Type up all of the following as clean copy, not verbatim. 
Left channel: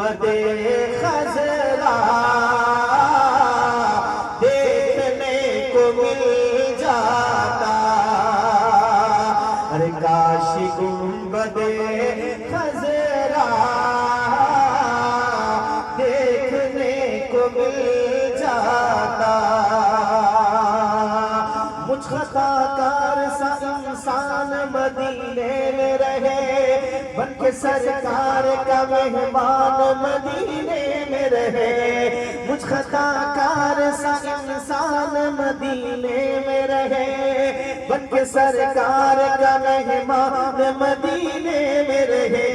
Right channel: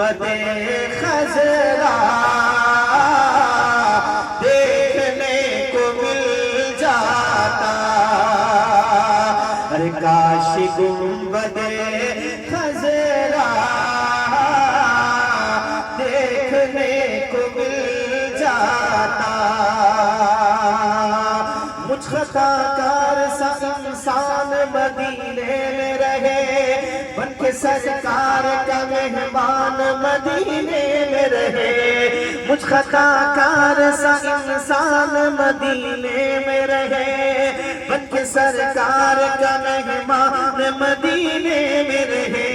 गुंबदे खजरा देखने को मिल जाता। अरे काश गुंबदे खजरा देखने को मिल जाता। मुझ खताकार सा इंसान मदीने में रहे, बन के सरकार का मेहमान मदीने में रहे। मुझ खताकार सा इंसान मदीने में रहे, बन के सरकार का मेहमान मदीने में रहे।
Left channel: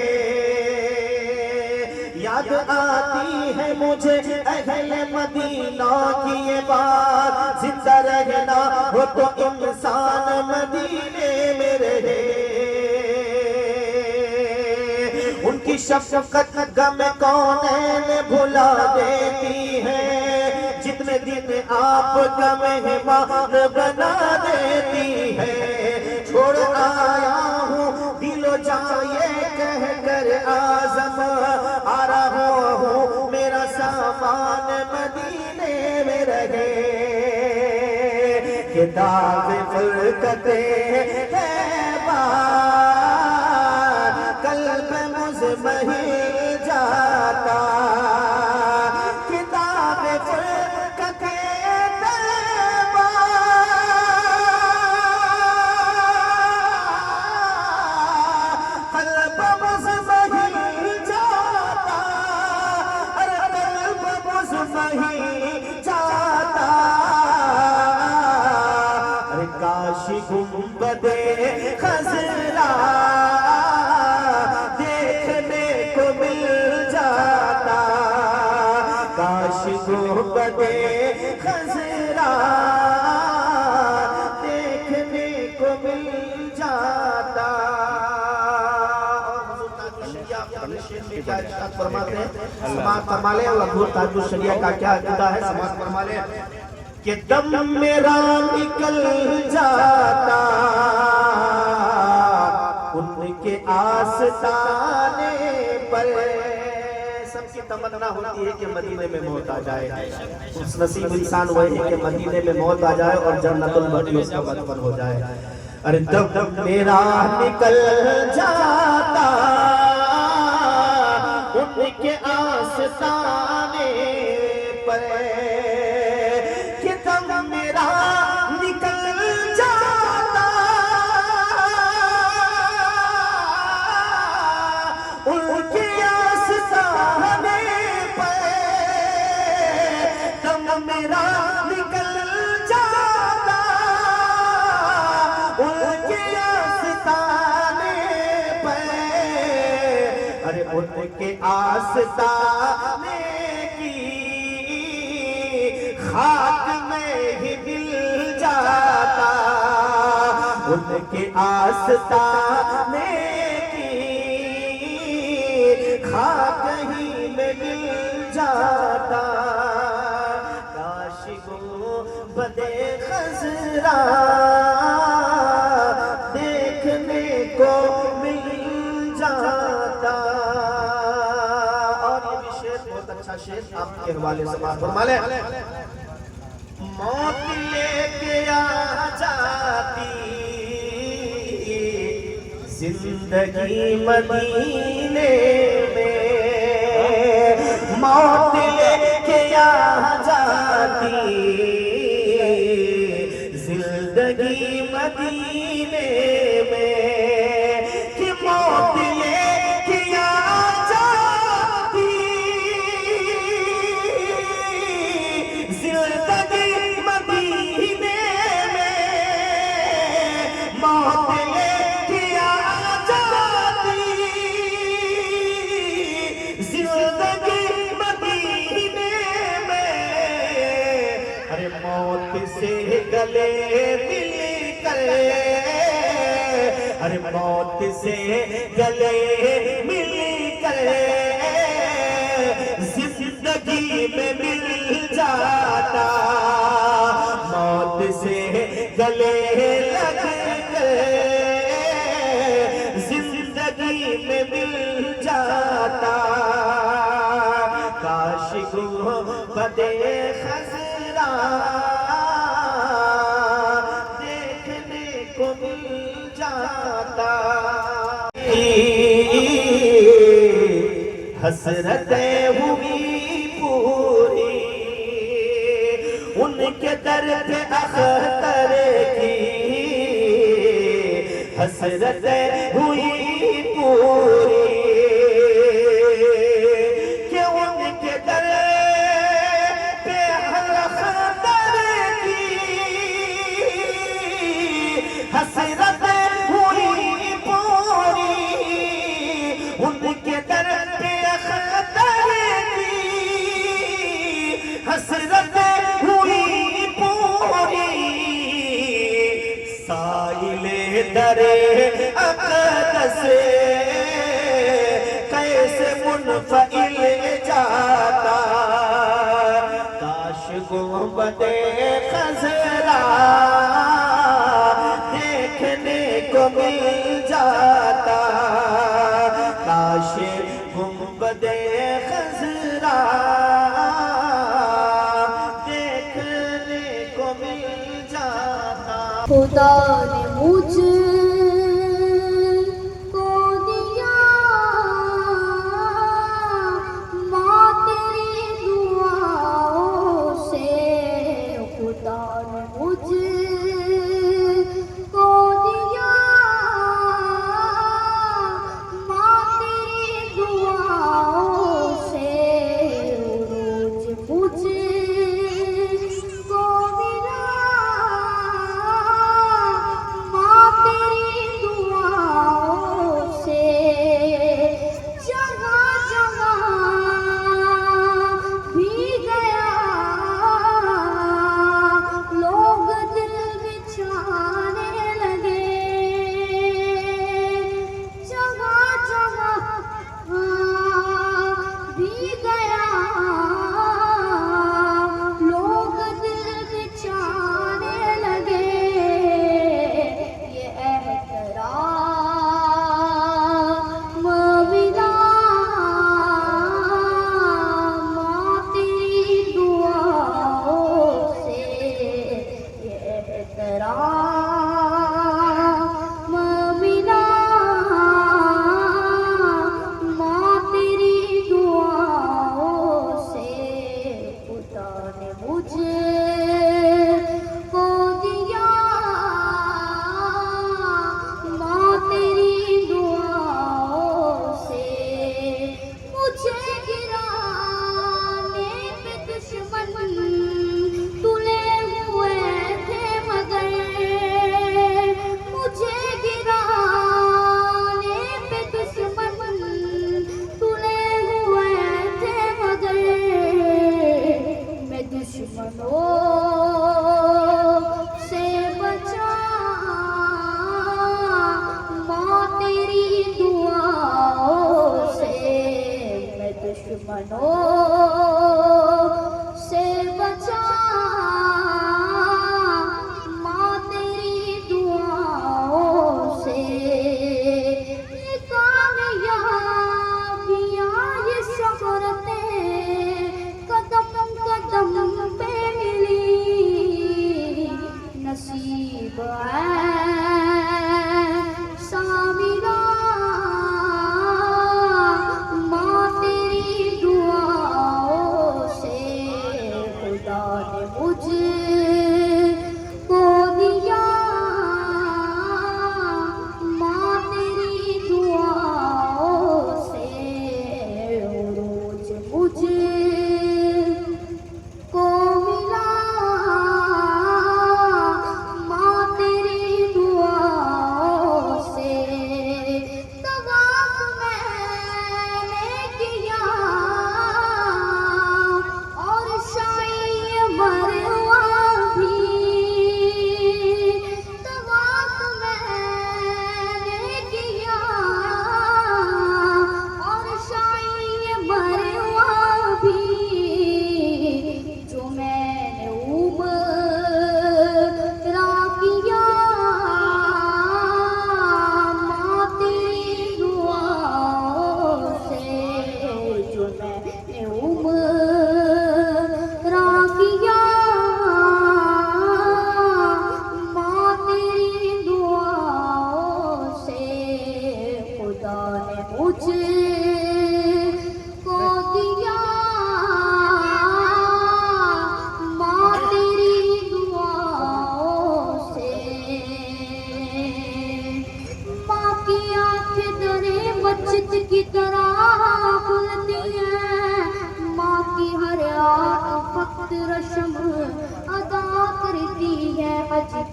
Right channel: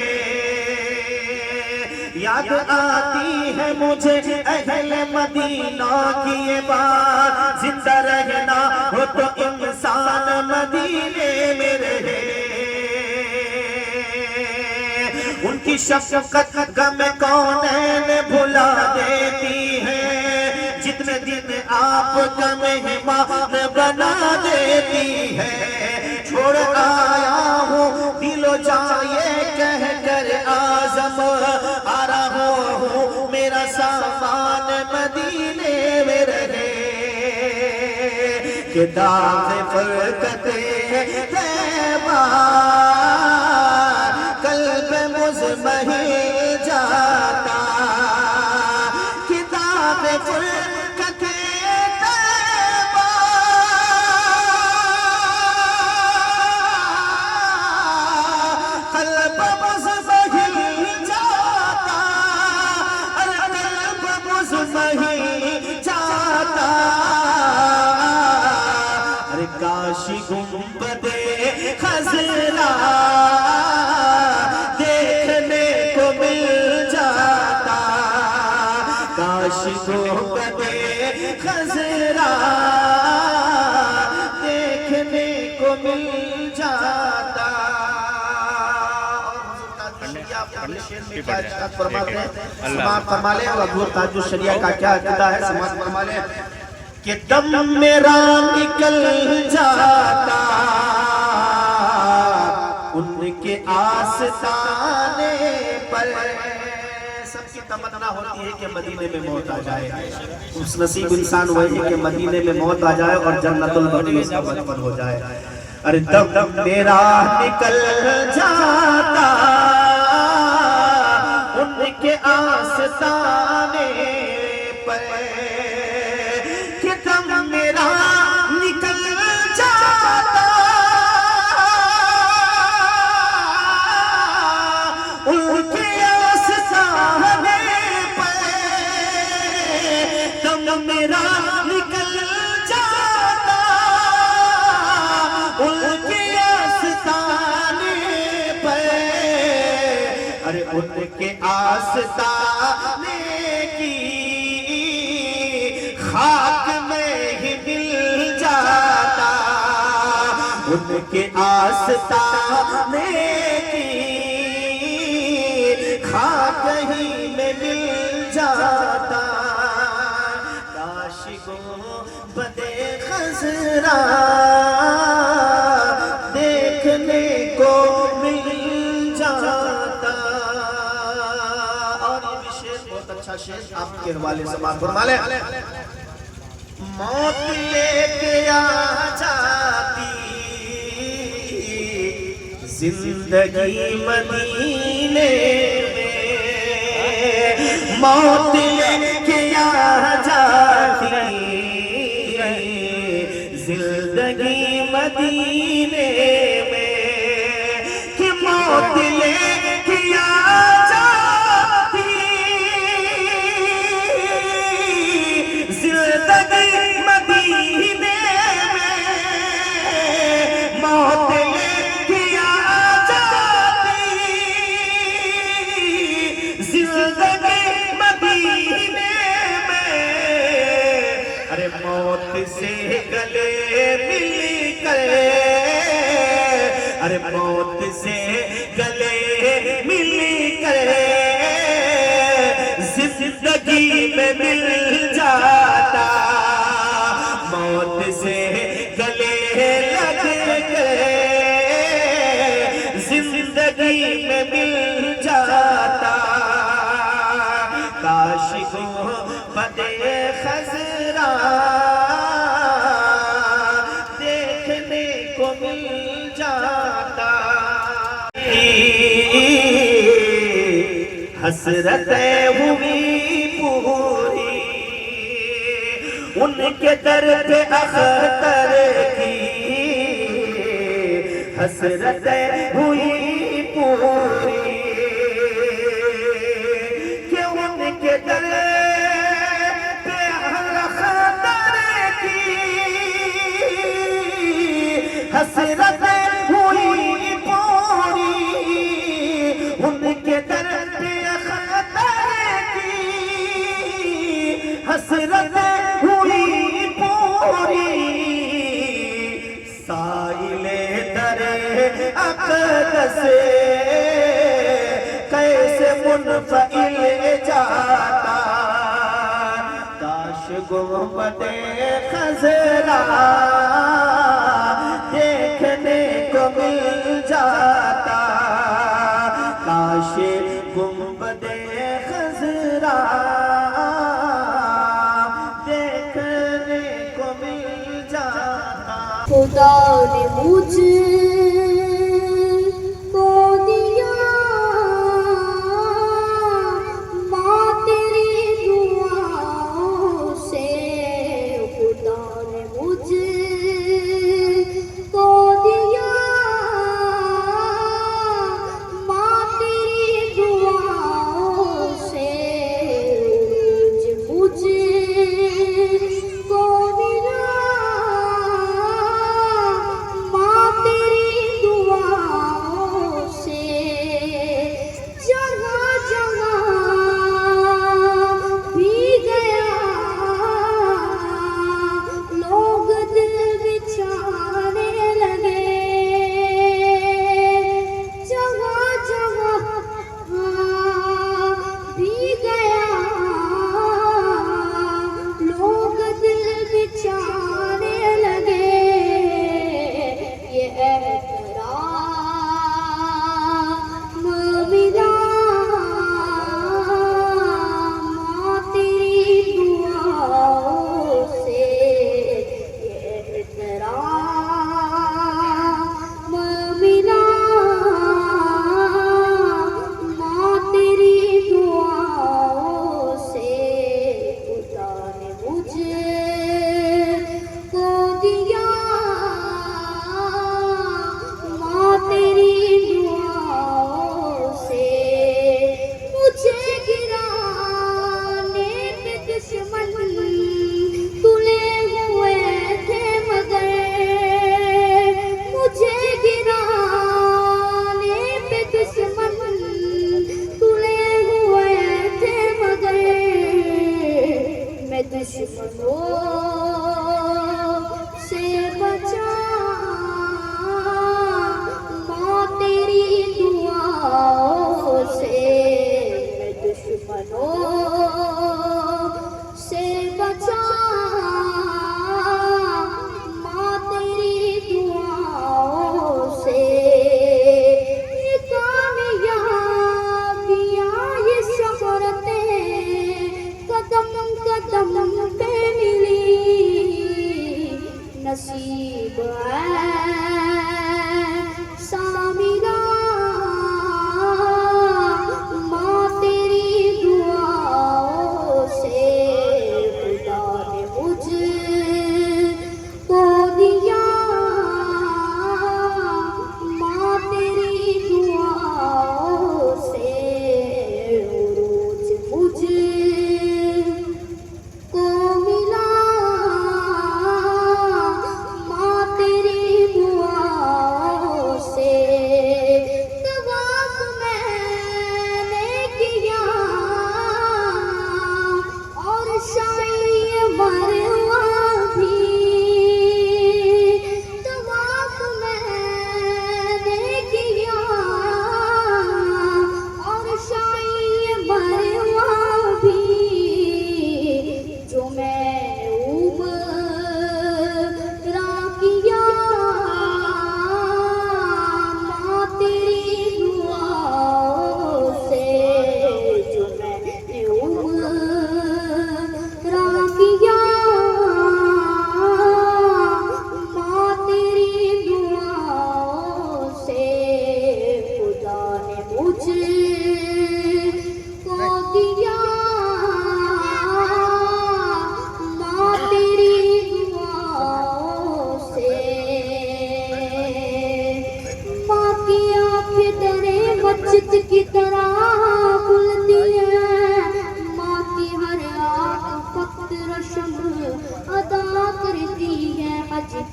याद आती है मुझे अहले मदीना की ये बात, जिंदा रहना हो तो इंसान मदीने में रहे। उनकी शफकत गम कौनैन भुला देती है, जितने दिन आप का मेहमान बना देती है। छोड़ आया हूँ दिलो जाए कह कर आज़म, आ रहा हूँ मेरा सामान मदीने में रहे। कि दाग फरकते तैबा कल्ब मुज़महिल जाता। कि दाग फरकते तैबा कल्ब मुज़महिल जाता। अरे कल्ब मुज़महिल जाता। अरे काशी गुंबदे खजरा देखने को मिल जाता। काशी गुंबदे खजरा देखने को मिल जाता। शरिया का क्या अकीदा है, समाज फरमा ले कि दम मेरा निकल जाता उनके आस्ताने पर। सबकी तमन्ना होती है कि मदीने में मौत आ जाए। उस नसीब इंसान वही है कि मदीने में मौत आ जाए और जन्नतुल बकी उसका बचपन हो जाए। अरे दम मेरा निकल जाता उनके आस्ताने पर। उनके आस्ताने पे दम मेरा निकल जाता। उनके आस्ताने पे अरे उनके आस्ताने की खाक में ही मिल जाता। उनके आस्ताने खाक ही में मिल जाता। काश गुंबदे खजरा देखने को मिल जाता। और ये भी शेर बहुत अच्छा शेर आपके हवाले से बात फरमा ले। मौत लेके आ जाती जिंदगी मदीने में। मौत लेके आ जाती जिंदगी मदीने में। कि मौत लेके आ जाती जिंदगी मदीने में। मौत मौत से गले मिलकर, अरे मौत से गले मिलकर जिंदगी में मिल जाता। मौत से गले लगकर जिंदगी में मिल जाता। हसरतें हुई पूरी उनके दर पे अख्तर की, हसरतें हुई पूरी कि उनके दर पे अख्तर की, हसरतें हुई पूरी उनके दर पे अख्तर की, हसरतें हुई पूरी साइले दरे अक़दस कैसे मुनफ़इल जाता, काश गुंबदे खज़रा देखने को मिल जाता, काश गुंबदे खज़रा देखने को मिल जाता। खुदा ने मुझे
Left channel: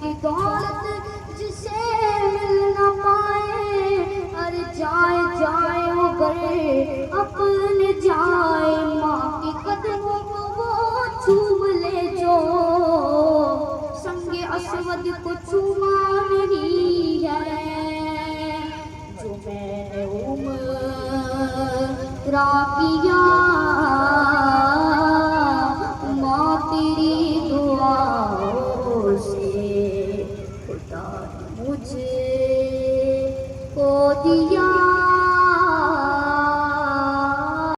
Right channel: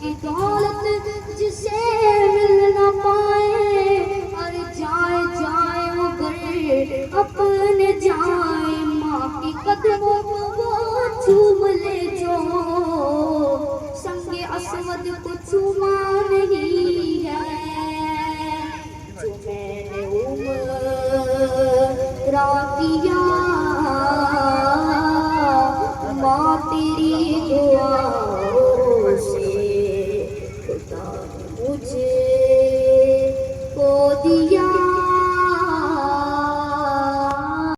की दौलत जिसे मिल न पाए, अरे जाए जाए वो घर अपने जाए, माँ के कदमों को वो चूम ले जो संगे असवद को चूमा नहीं है, जो मैंने उम्रा किया माँ तेरी दुआओं से खुदा ने मुझे